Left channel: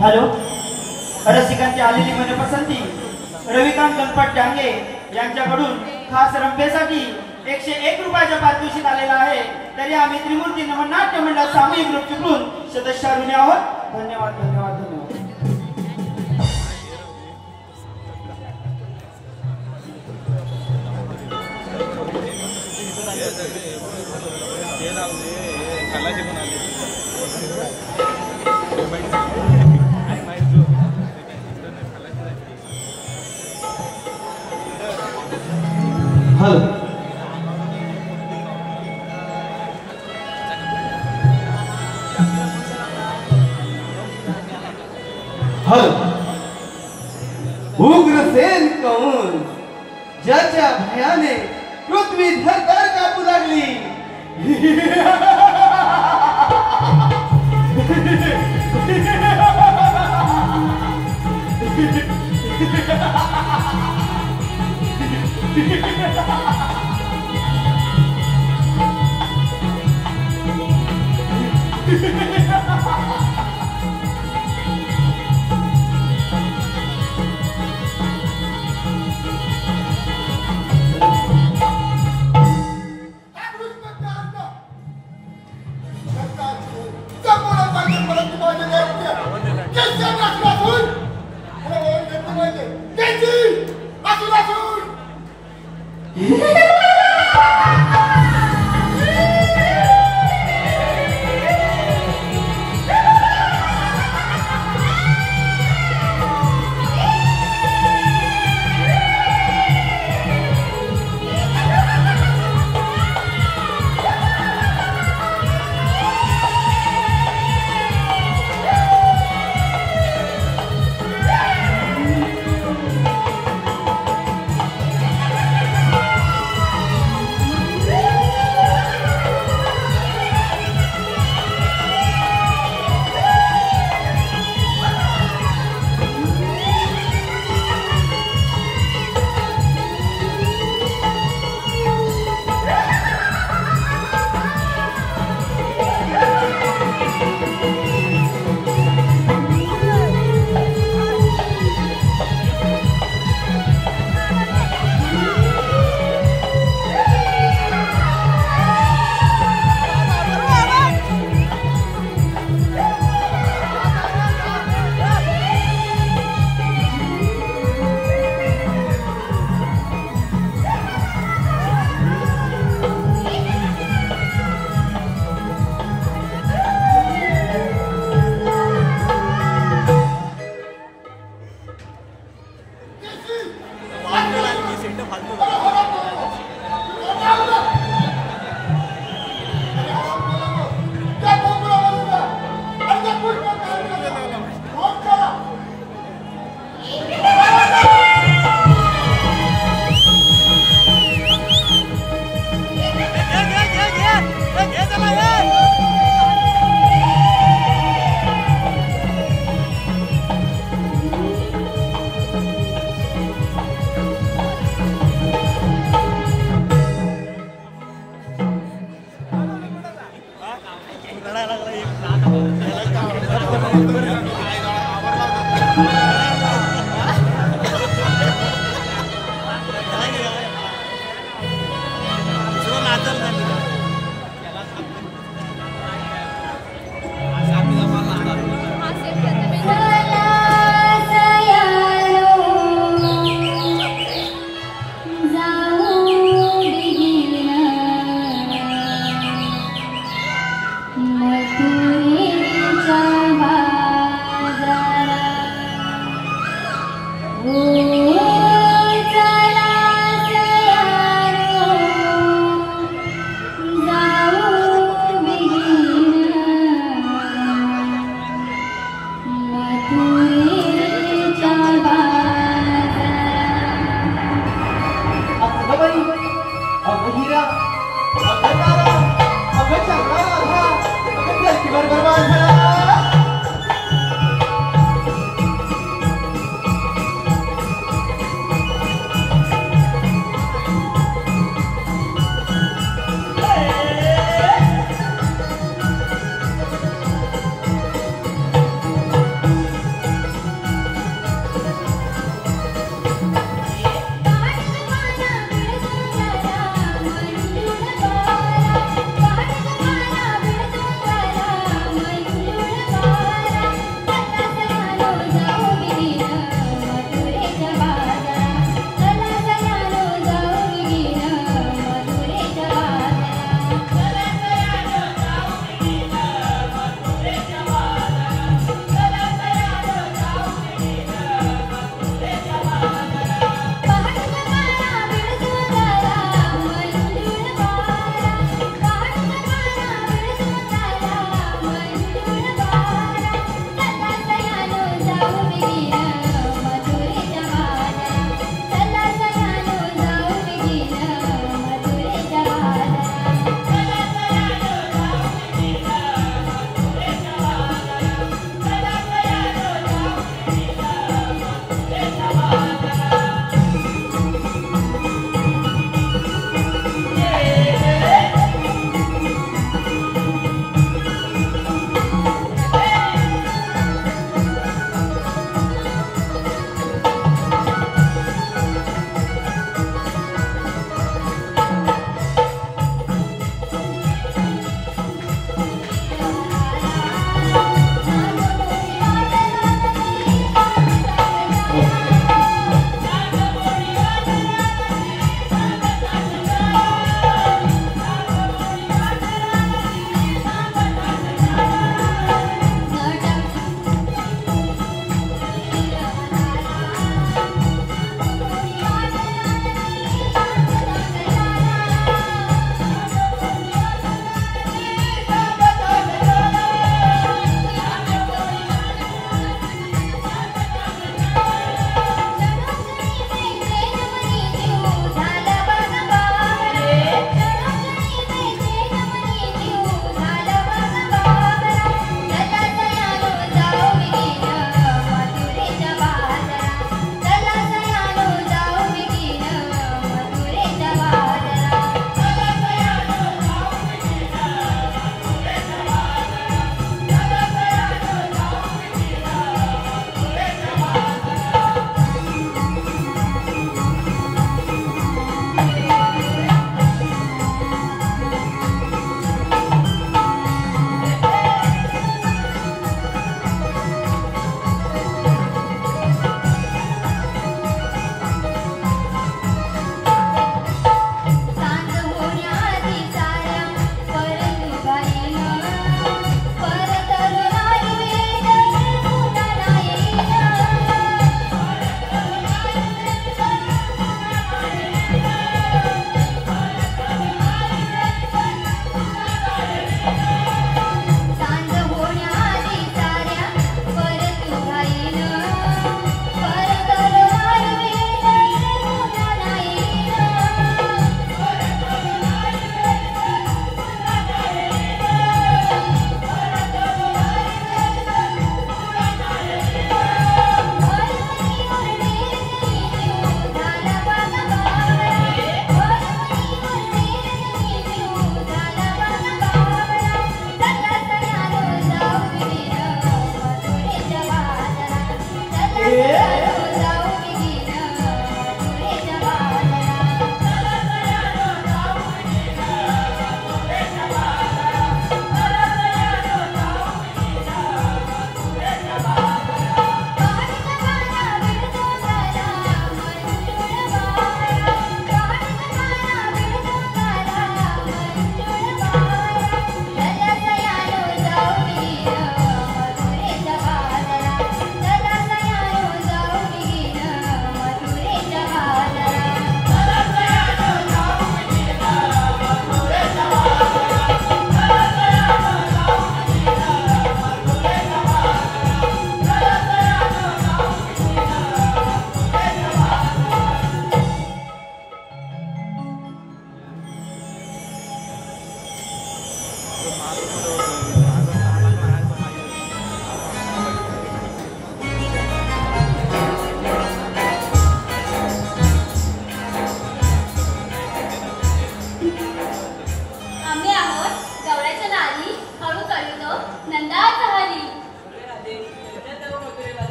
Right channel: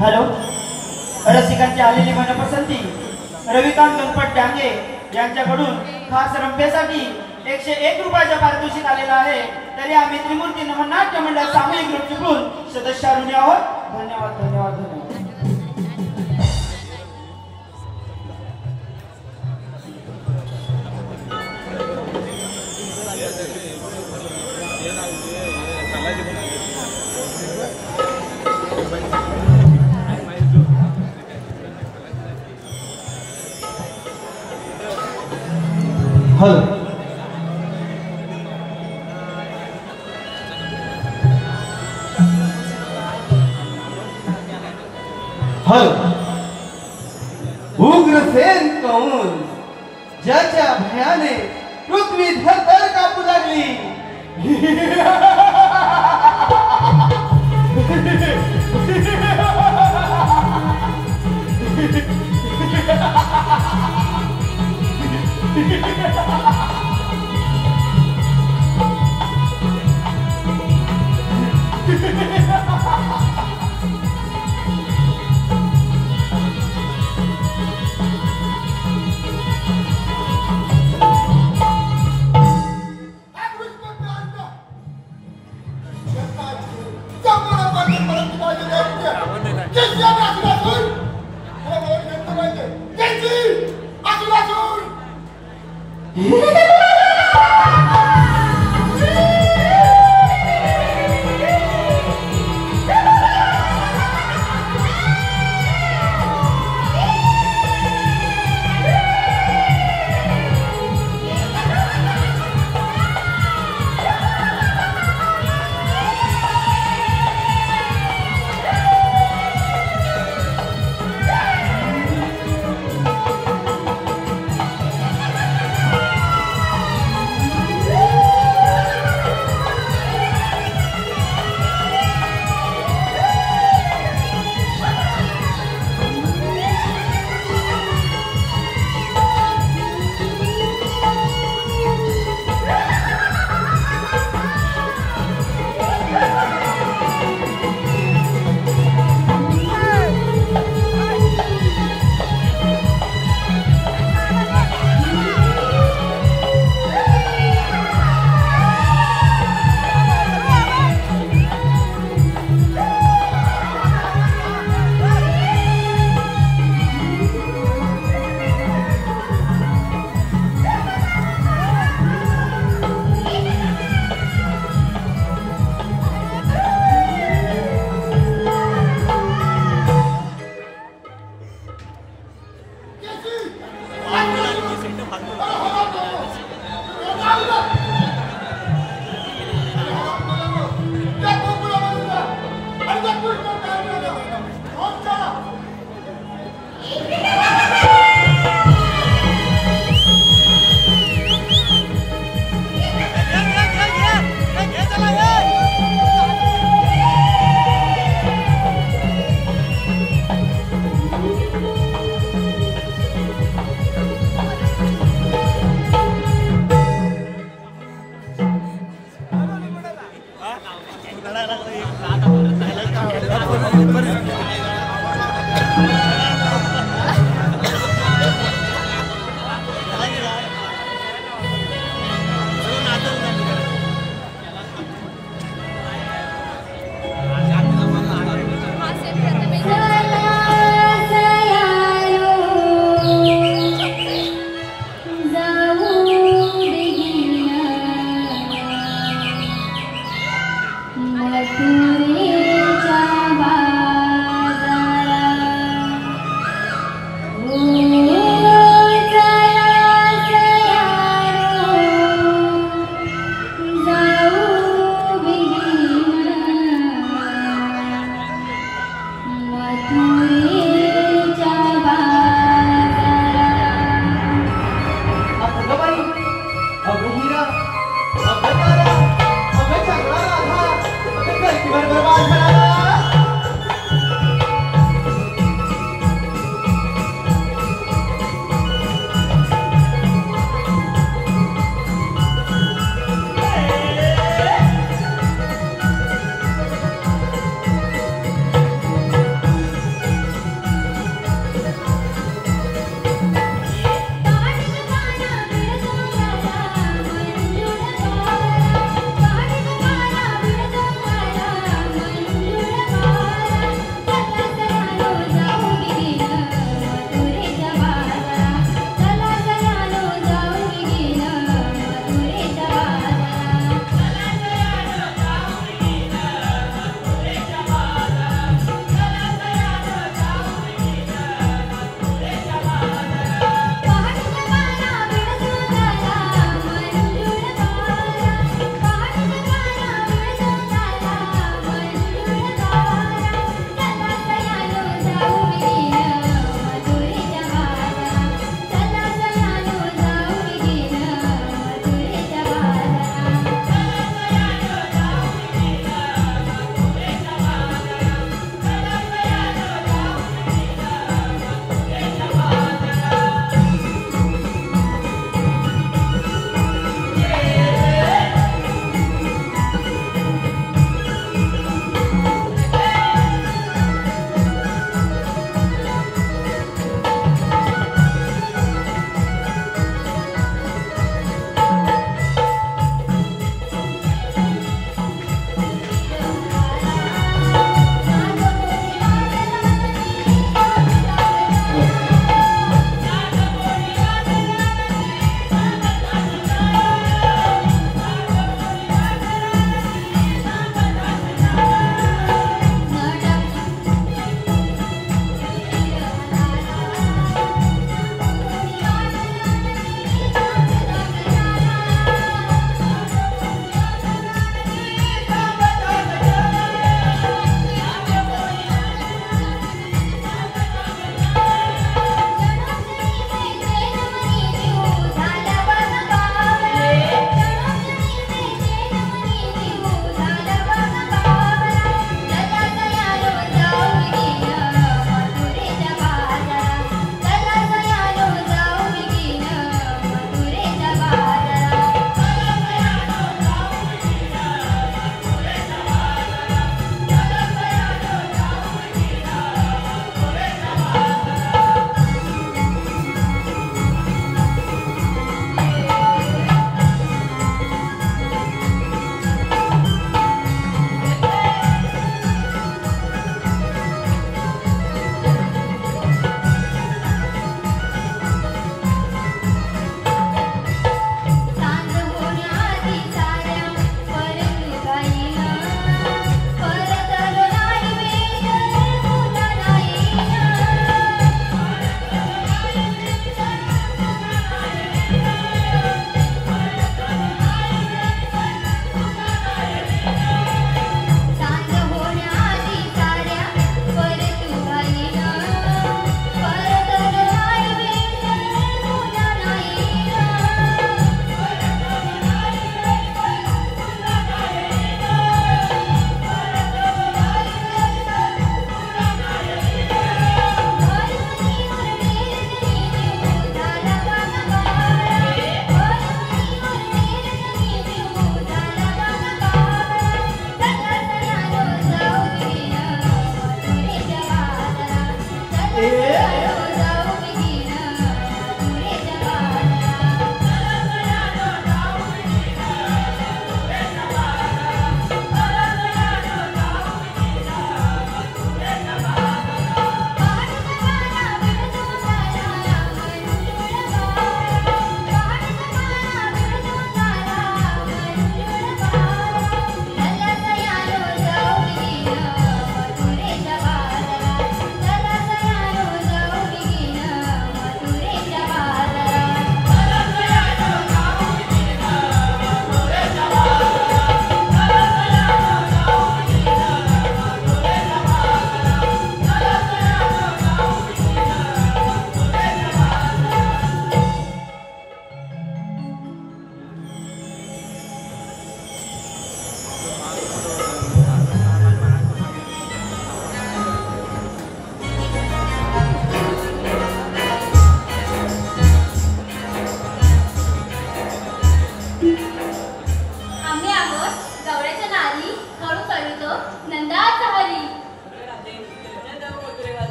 Hello, रसिकांची आलेली मनपसंती रविकांत गणपत डांगे यांच्याकडून खास रंभेसाठी 101 रुपयाच्या पारितोषिक आलेला आहे. तरी आम्ही त्रिमूर्ती नाट्य मंडळ सामूहिक ग्रुप चुकून सदस्य ऋणी आहोत. धन्यवाद धन्यवाद धन्यवाद. Hello, hello. उग्रसेन कंस ज्याच्या भयाने पृथ्वी धरधर कापू लागली.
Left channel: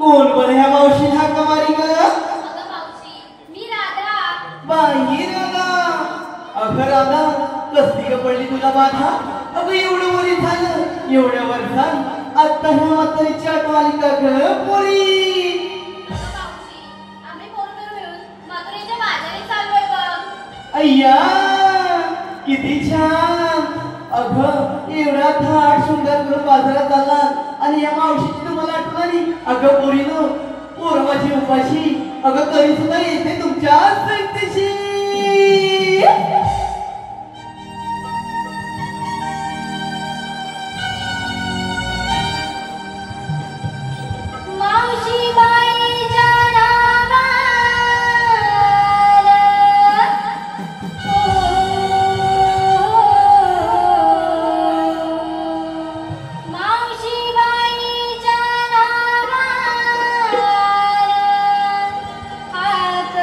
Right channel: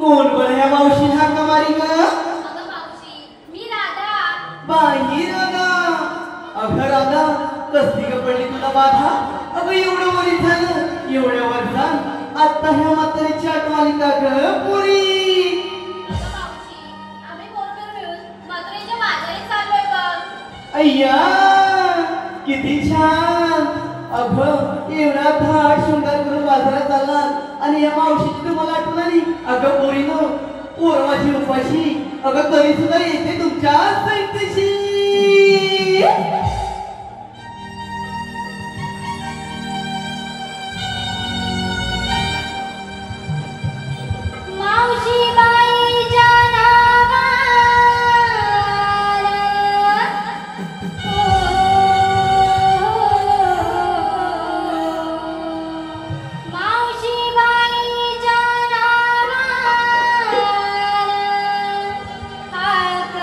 कोण बरं ह्या मावशी हाक मारी ग? मी राधा. बाई राधा, अगं राधा कसली ग पडली तुला बाधा? अगं एवढं वरी झालं एवढ्या वर्षात आता ह्या म्हातारीची आठवण आली का ग पोरी? आम्ही पोरं मिळून मथुरेच्या बाजारी चाललोय बघ. अय्या किती छान. अगं एवढा थाट शृंगार करून बाजारात आला आणि या मावशीची तुम्हाला आठवण आली? अगं पोरीनो पोरवाची उपाशी अगं तरी सुद्धा येते तुमच्या संगतीशी. मावशी बाईच्या नावाला मावशी बाईच्या नावाला हाक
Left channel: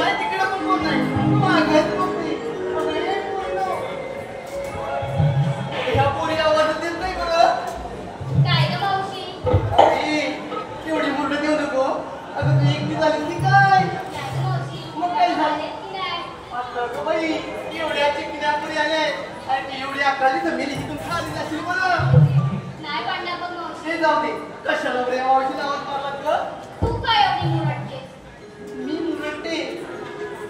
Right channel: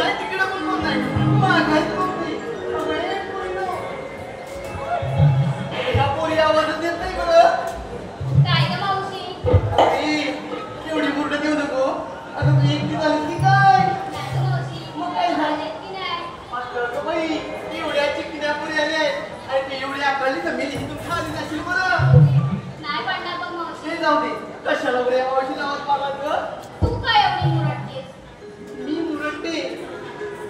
नाही तिकडे पण कोण नाही मागत बघते अरे पोरीनो ह्या पोरी आवाज देत नाही बरं काय ग मावशी अरे केवढी मुलं देऊ नको अगं तू एकटी झाली की काय नाही ग मावशी मग काय झालं? आलेत की नाही अगं बाई एवढ्या चिकन्या पुरी आले आणि तू एवढी अकराली जमेली की तू खाली जाशील मला नाही पडणार बघ मावशी ते जाऊ दे कशाला बरे औषध आवाज मारला ग तू काय एवढी मुरडतेस मी मुरडते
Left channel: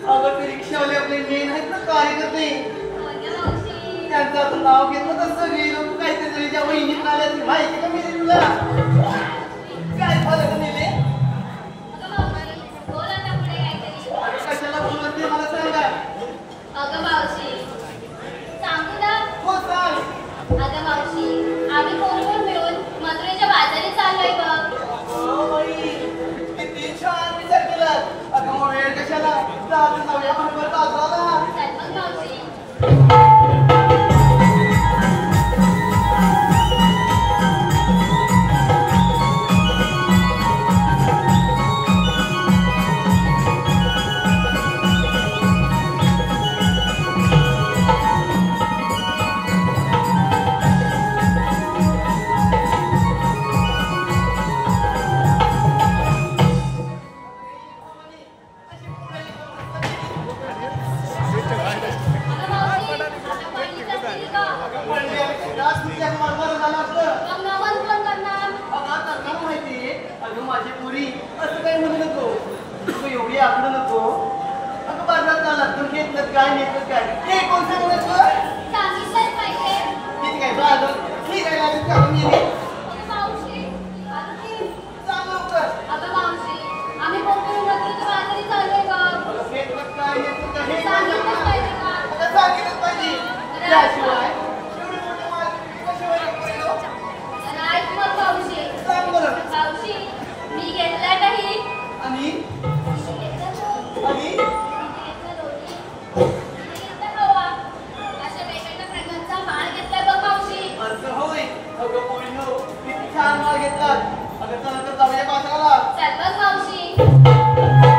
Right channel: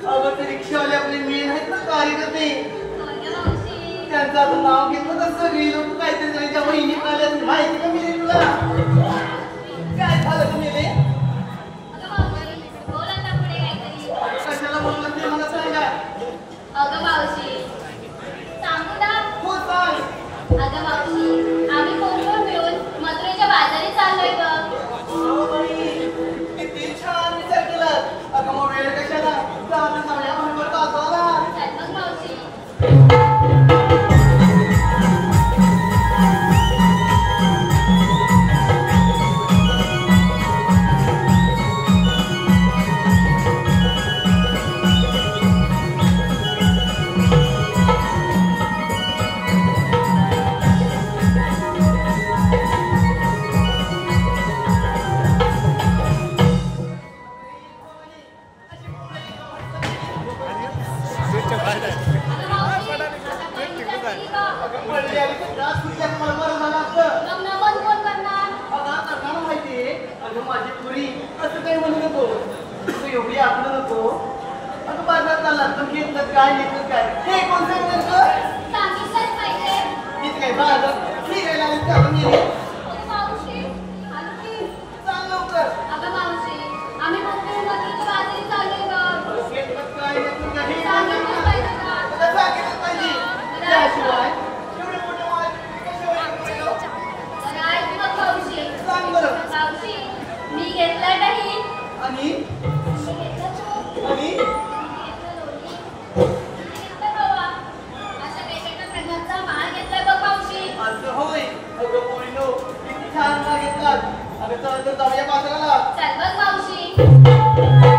अगं ते रिक्षावाले आपले मेन आहेत ना कार्यकर्ते होय ग मावशी त्यांचं आता नाव घेतलं तर सगळी लोक काहीतरी त्यांच्या वहिनी आल्या माहिती का मी तुला काय झालं तुम्ही अगं मावशी बोल आता पुढे काहीतरी कशाला बोलत ते मला सांगा अगं मावशी सांगू ना हो चाल अगं मावशी आम्ही कोण मिळून मथुरेच्या बाजारी चाललोय बघ हो बाई किती छान विचार केला अगं मग वेळ कशाला चालू जाऊया बरोबर का जाऊ चल मग मावशी अगं मावशी आता पहिली जातील का? मग नमन कोण करणार माझी पुरी असं काही म्हणू नको तू एवढी आकडं नको अगं बाजारात आला तू घेतलं काय घेतलं काय हे कोणतं म्हणतो सांगितलंच पाहिजे ठीक आहे बाजार ठीक आहे लागेल करून गेली अगं मावशी आणखी चाल लवकर अगं मावशी आम्ही कोकणी मथुरेच्या बाजारी चाललोय बघ घेतलं काय घेतलं काय हे सांगितलंच पाहिजे का? मला सांगितलं पाहिजे त्याशिवाय एवढे मोठे माझे कशावर गेलो अरे ऐक मग मावशी सांग बरं मावशी मी घेतलंय काही आणि घेतलं तू आणि घेतलं रोटी घेतलं रवा अशा वेगवेगळ्या प्रकारचा माल घेतलाय बघ मावशी असं होय अगं पोरीनो किती छान माल घेतलात अगं चल तर जाऊया बाजाराला चल बघ मावशी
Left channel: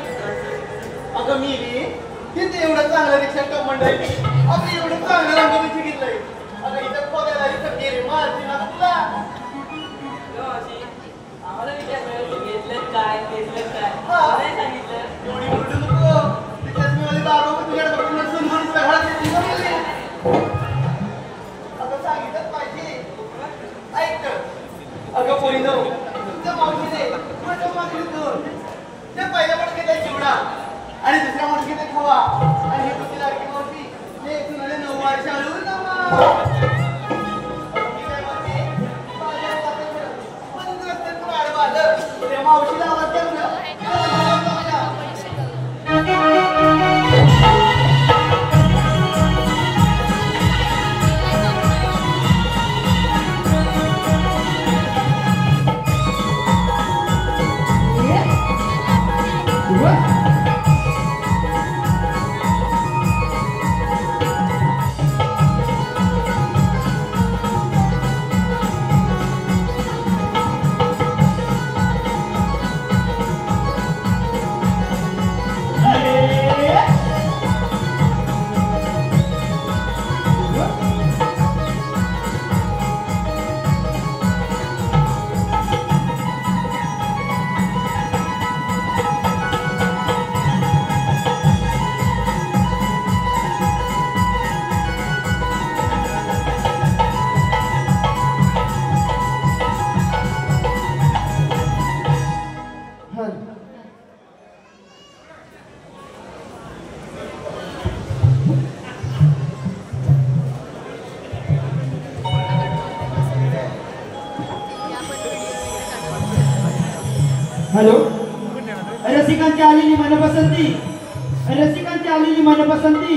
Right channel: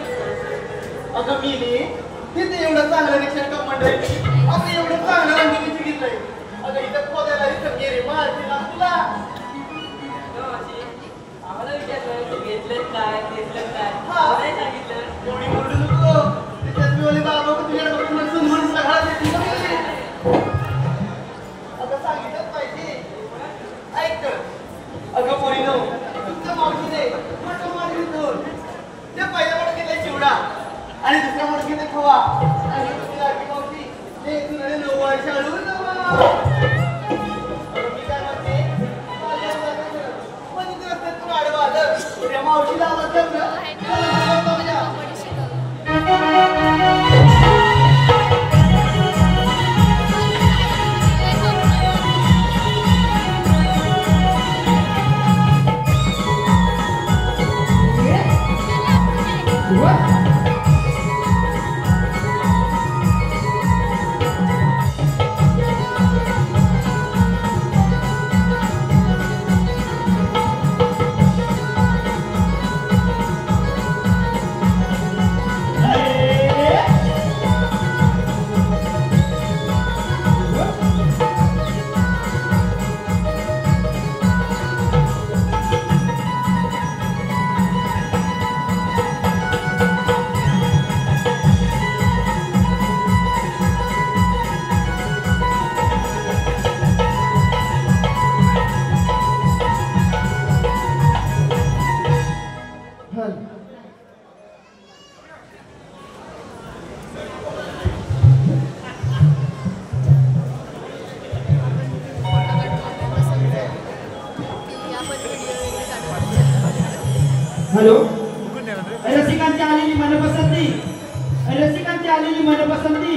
अगं मी तिथे एवढं चांगलं रिक्षा का मंडळी अगं एवढं चांगलं रंगीची घेतलंय अगं इथं खोदायला इथं गेले माझी तुला एवढी बोलू नको त्याच्यात मी वाली बाबा तुझ्याकडे तुम्हाला समजून सगळं देतील ना मुली. अगं सांगितलं पाहिजे ऐक अगं पोरीनो तुमच्या मावशीने मोठं मागितलं त्या पहिल्या मावशीला चिवडा आणि दुसऱ्या मावशीने खवा आणि हे तुझी लाडकी मावशी हे तुला 9 वर्ष आलो ना मी काय म्हणते माझ्या हातात बंद रस्त्यात तू आडवा आलं त्या मावशीला आवाज कर ना What? हॅलो रसिकांची आलेली मनपसंती रसिकांची आलेली मनपसंती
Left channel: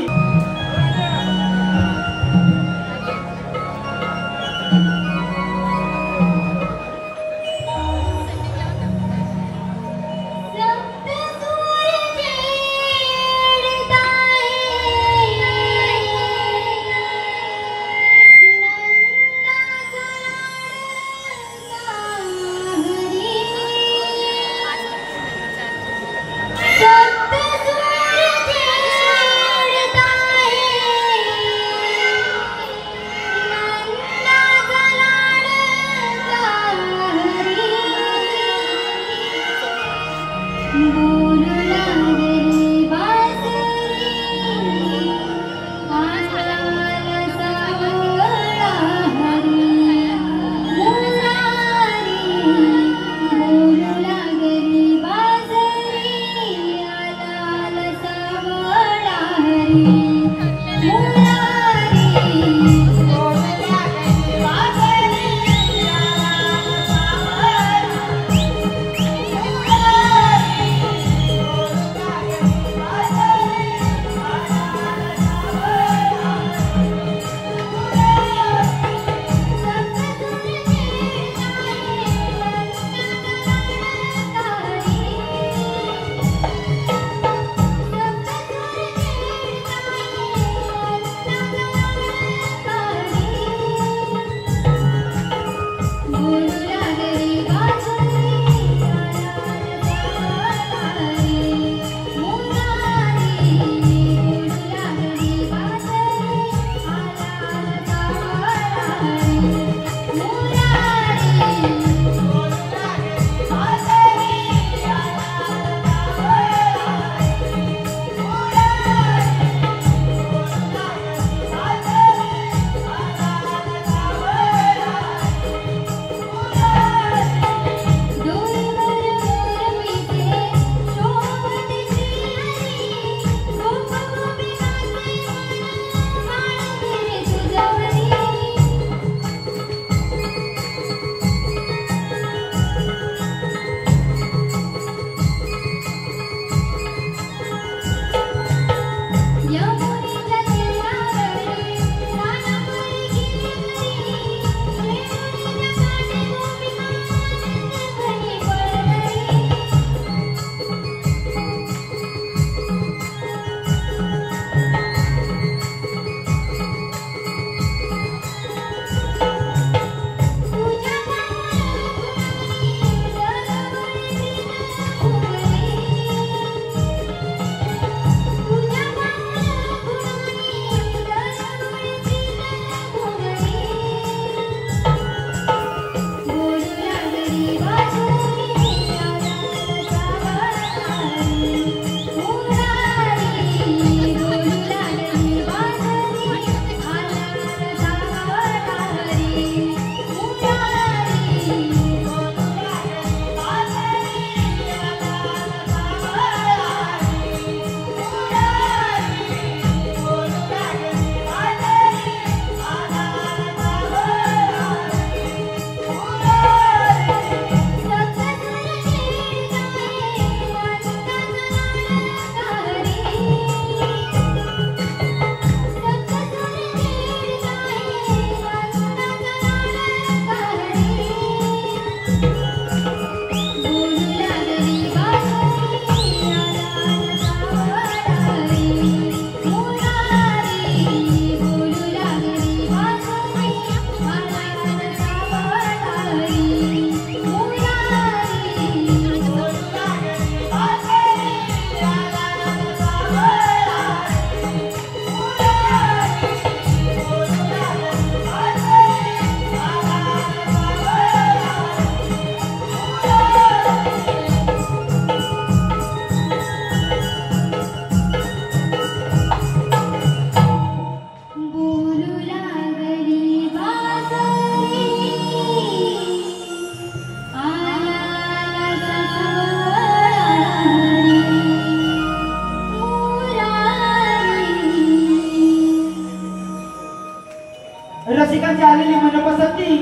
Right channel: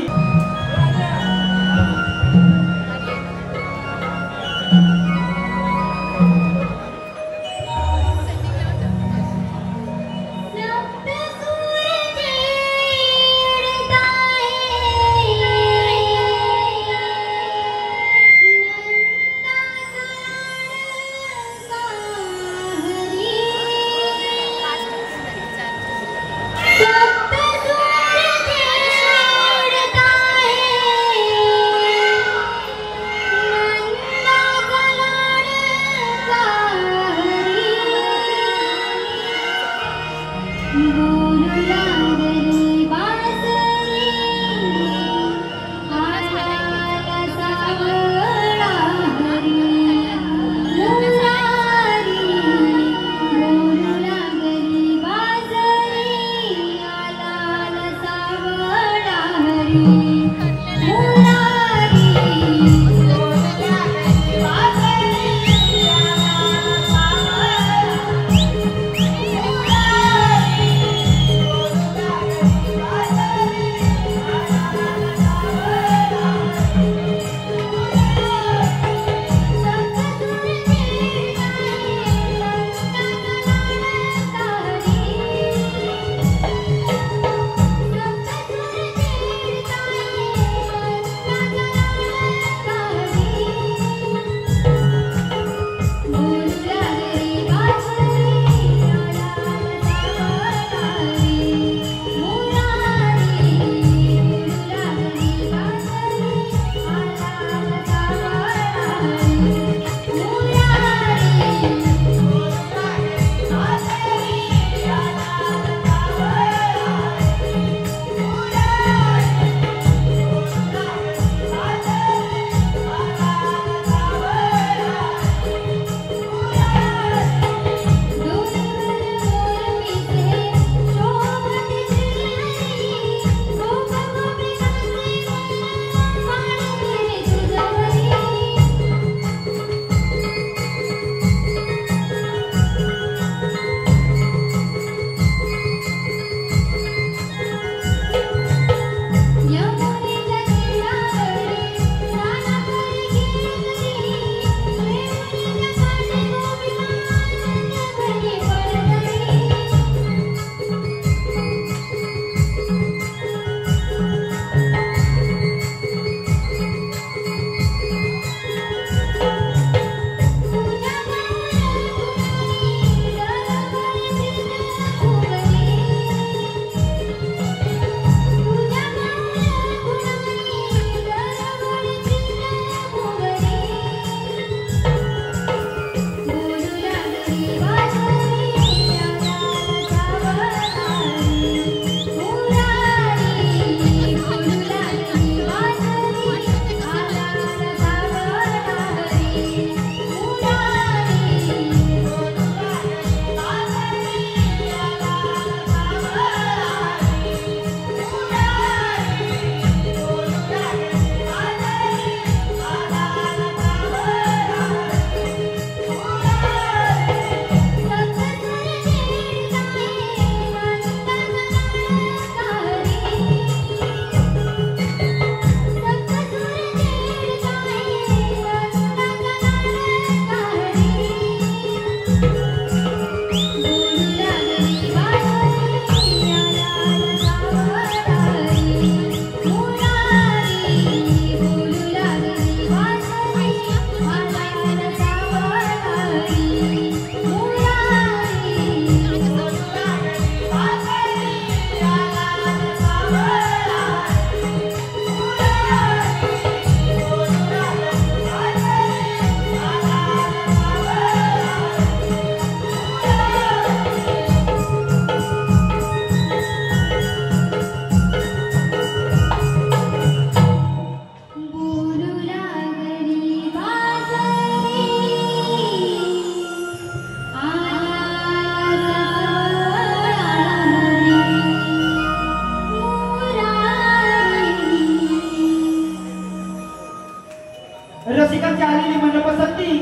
रसिकांची आलेली मनपसंती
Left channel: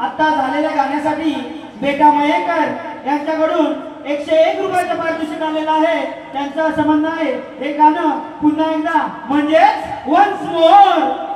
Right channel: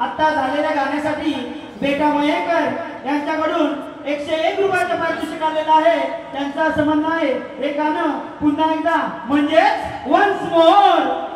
आता झालेल्या गाण्यासाठी बेटा मयेकर यांच्याकडून 101 रुपयाचं पारितोषिक आलेलं आहे. त्यांचं असं म्हणणं आहे हे गाणं पुन्हा एकदा म्हणजेच वन्स मोर.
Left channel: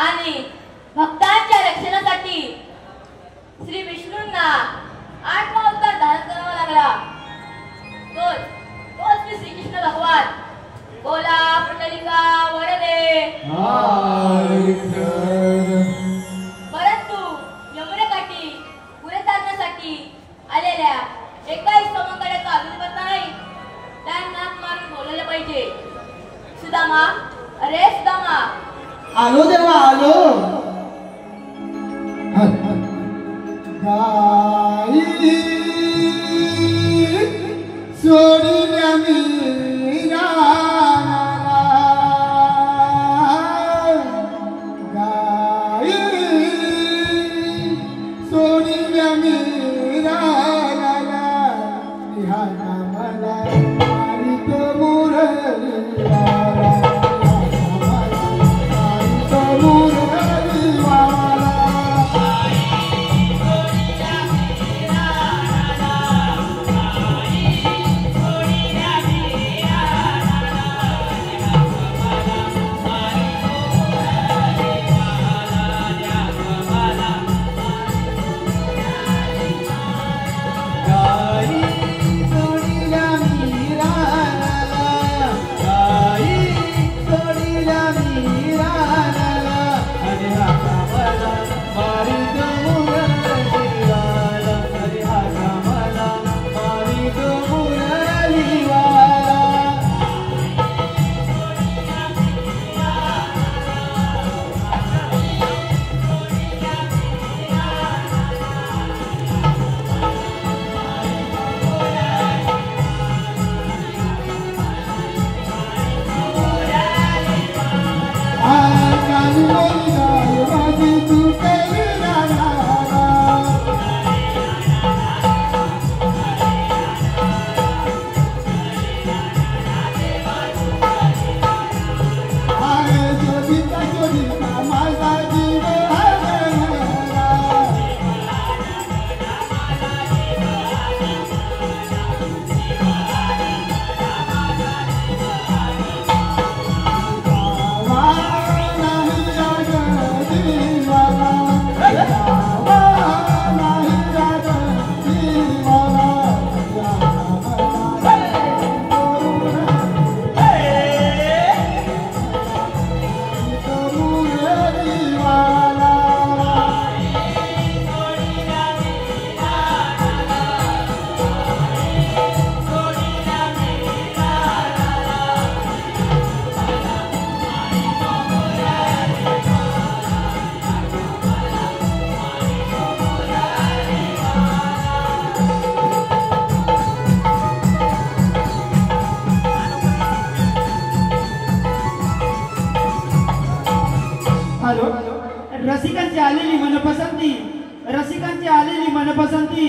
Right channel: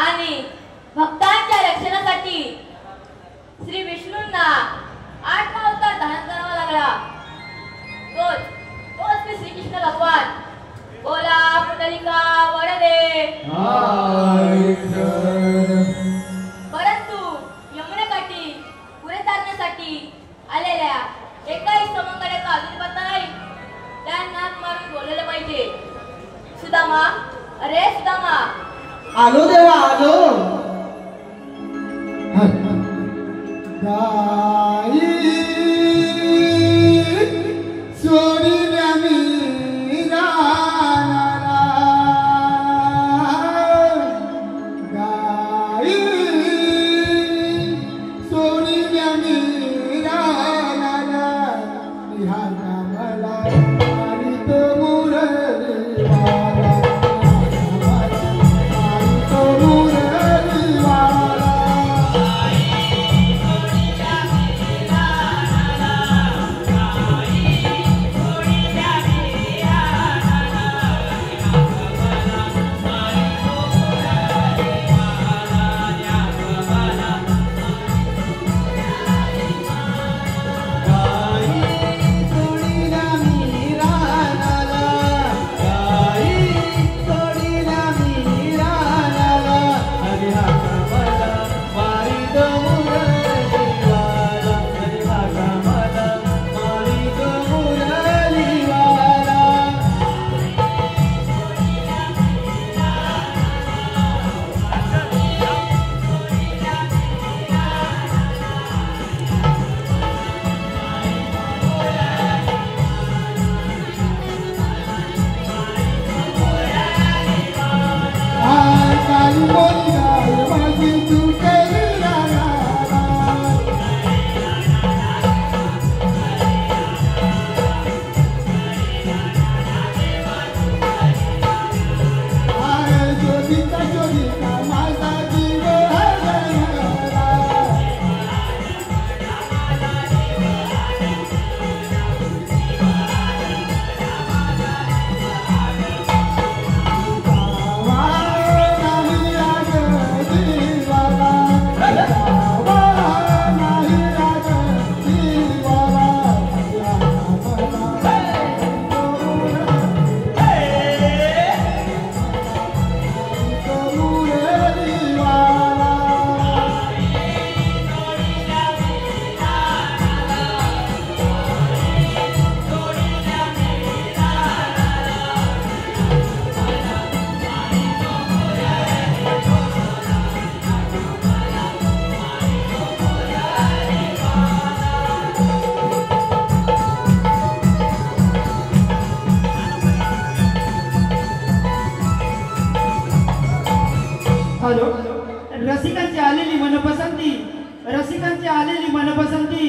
आणि भक्तांच्या रक्षणासाठी श्री विष्णूंना 8वा अवतार धारण करावा लागला. तोच श्री श्रीकृष्ण भगवान. बोला पुंडलिका वरदे. परंतु यमुनेकाठी पुढे चालण्यासाठी आलेल्या एकाही स्तंभाकडे अजून पत्ता नाही. त्यांना मागे बोलवलं पाहिजे. सुदामा, अरे सुदामा. आलो देवा आलो. सोडीला मीरा गाई सोडीला मीरा निहाना मला आणि तो मुरली हॅलो, रसिकांची आलेली मनपसंती, रसिकांची आलेली मनपसंती.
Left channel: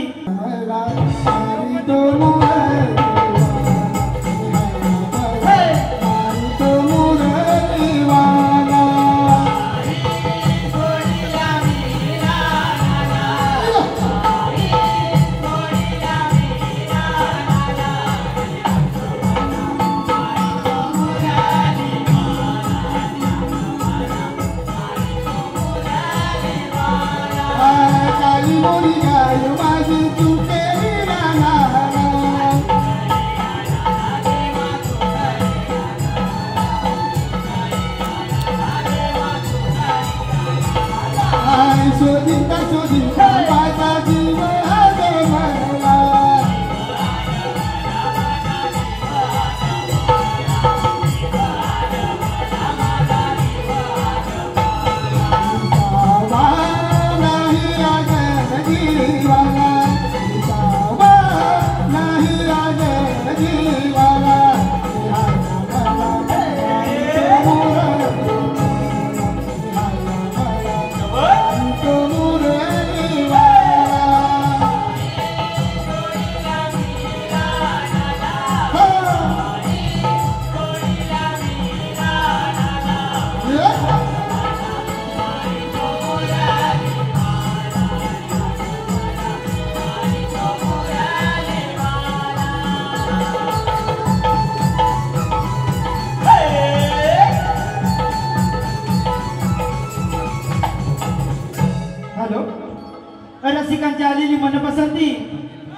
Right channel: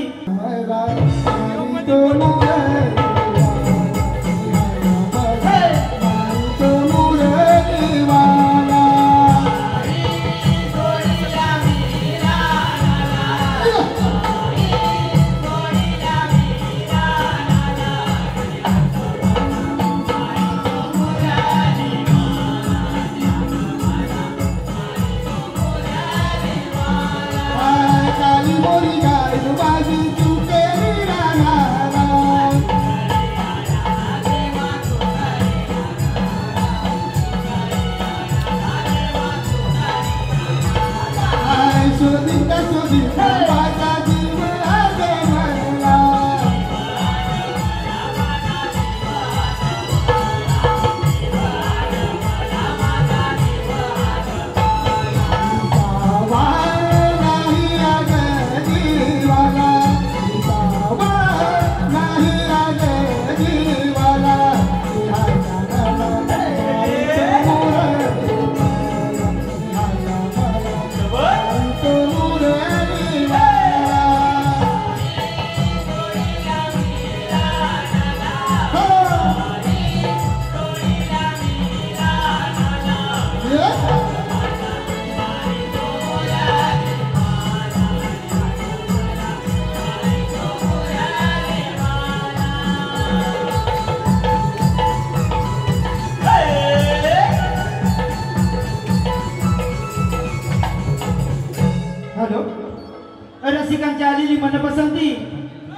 रसिकांची आलेली मनपसंती.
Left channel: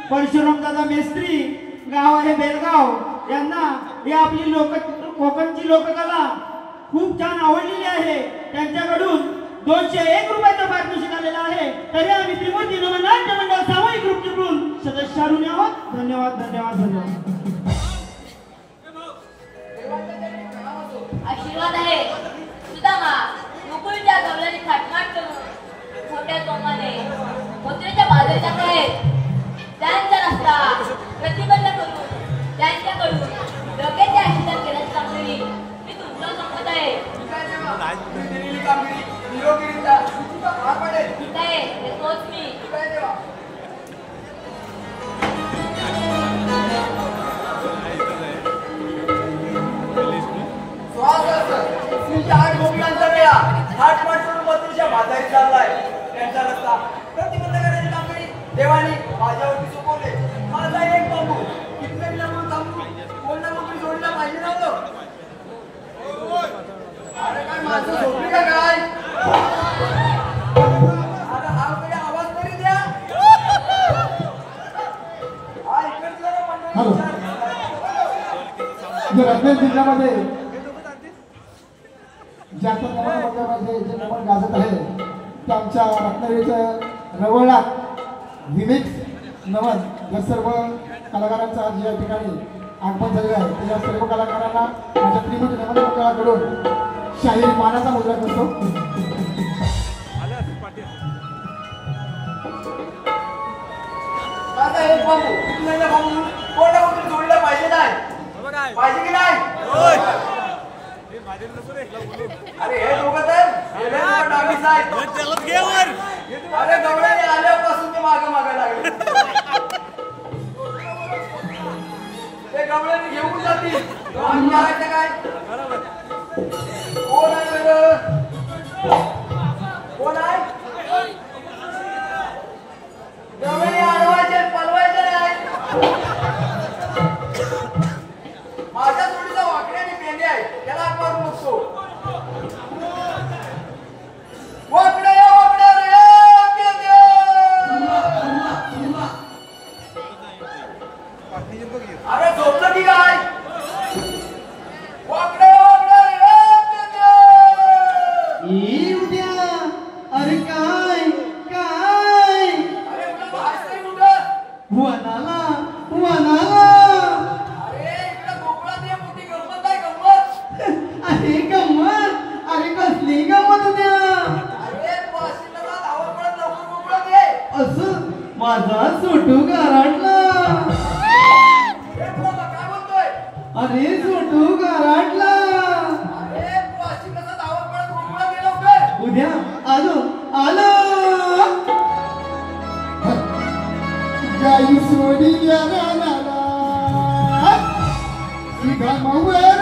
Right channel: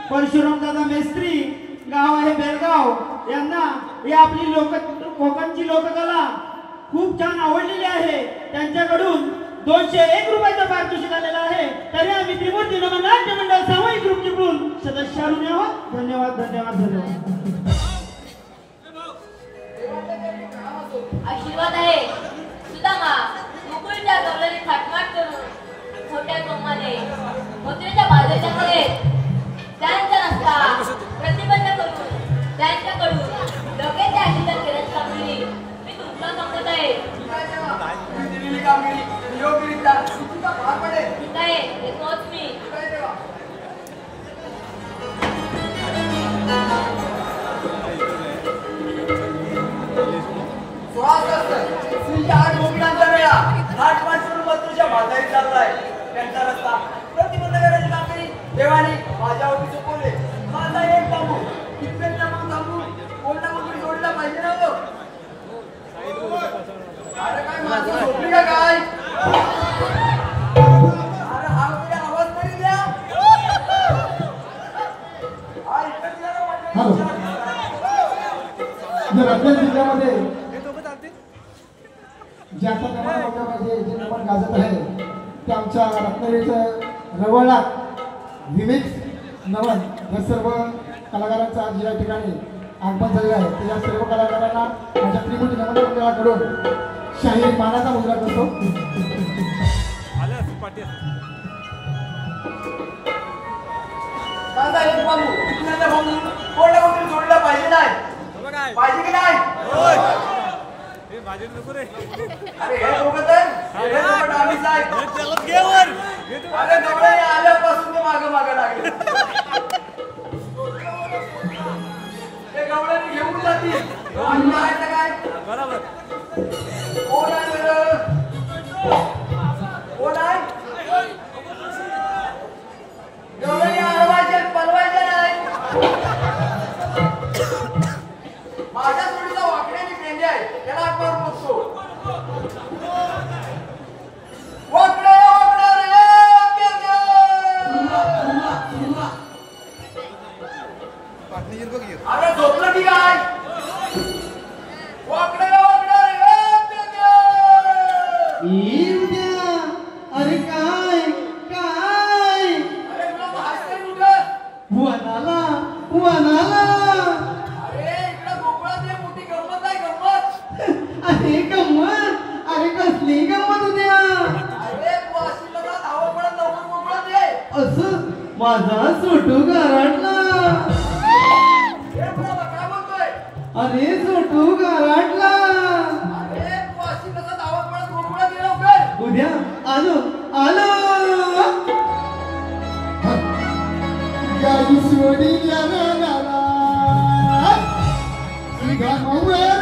परशुराम दादा मेस्त्री, गाव आहे बेलगाव. यांना ही आपली कोकणची लोककला खूप छान आवडलेली आहे. त्यांच्याकडून 201 रुपयाचं पारितोषिक आलेलं आहे. तरी आम्ही त्रिमूर्ती नमन नाट्य मंडळ सामूहिक ग्रुप चिपळूण सदस्याकडून आहोत. धन्यवाद धन्यवाद धन्यवाद. आशीर्वाद आहे सुदामा मुकुलच्या गवळणी थाटमाट करून छोट्या कम्माने मुद्रेच्या बाजाच्या आहेत त्यांचा रस्ता प्रतिबंध करून त्यांच्याकडून डोक्याचे आशीर्वाद घेण्याची कामगिरी मी तुमचा संपत आहे. ठीक आहे, हे तोच मी. देवाने माझ्यावरती सोपवले. माझा एक बाबू कितवेक लागून सांगू कोणता मुली जोडला पाहिजे नव्हतं. अरे काय माझं झोपली का काय? अरे हा कडे आवाज तरी द्या. रत्नागिरी जिल्ह्यामध्ये ज्याच्या कमाल जे नमन गाजत आहे ते आमच्या रत्नागिरीचं रवळा विमिक्स नमन या सर्व कलाकारांचा आज या ठिकाणी आगमन झालेलं आहे. त्या सर्व कलाकारांना माझ्या त्रिमूर्ती नमन मंडळाकडून शाहीर मानाचा मुद्रा करतो. माझा एक बाबू कितवेक बाबू कोणता मुली जोडला पाहिजे नाही पाहिजे की नाही? अरे हे दोघं तर डावीस आहेत. अरे गवळणी आल्यापासून मी मागं लागले. ते गवळणी घेऊन जातील. आम्ही आहे काय? कोण आहे बरं? कोण आहे? गवळणी आडवायचे पलवायचे नाही. माझ्या जोडीचा वाकड्याने पेंडे आहे त्याला आग मारून बघतो. वाकडे वाकडे रे पेंडे. अरे झोपलं की काय? वाकडे वाकडे रे पेंडे. येऊ द्या. अरे काय काय? अरे तुला भास करून उठ. वनाला वनाला. अरे गंमत. अरे कसली गंमत उद्या. असं माझा सोटू गारटला. अरे सोटू गारटला. उद्या आलो आलो गाई सोडी या रानाला, सीधा मावळे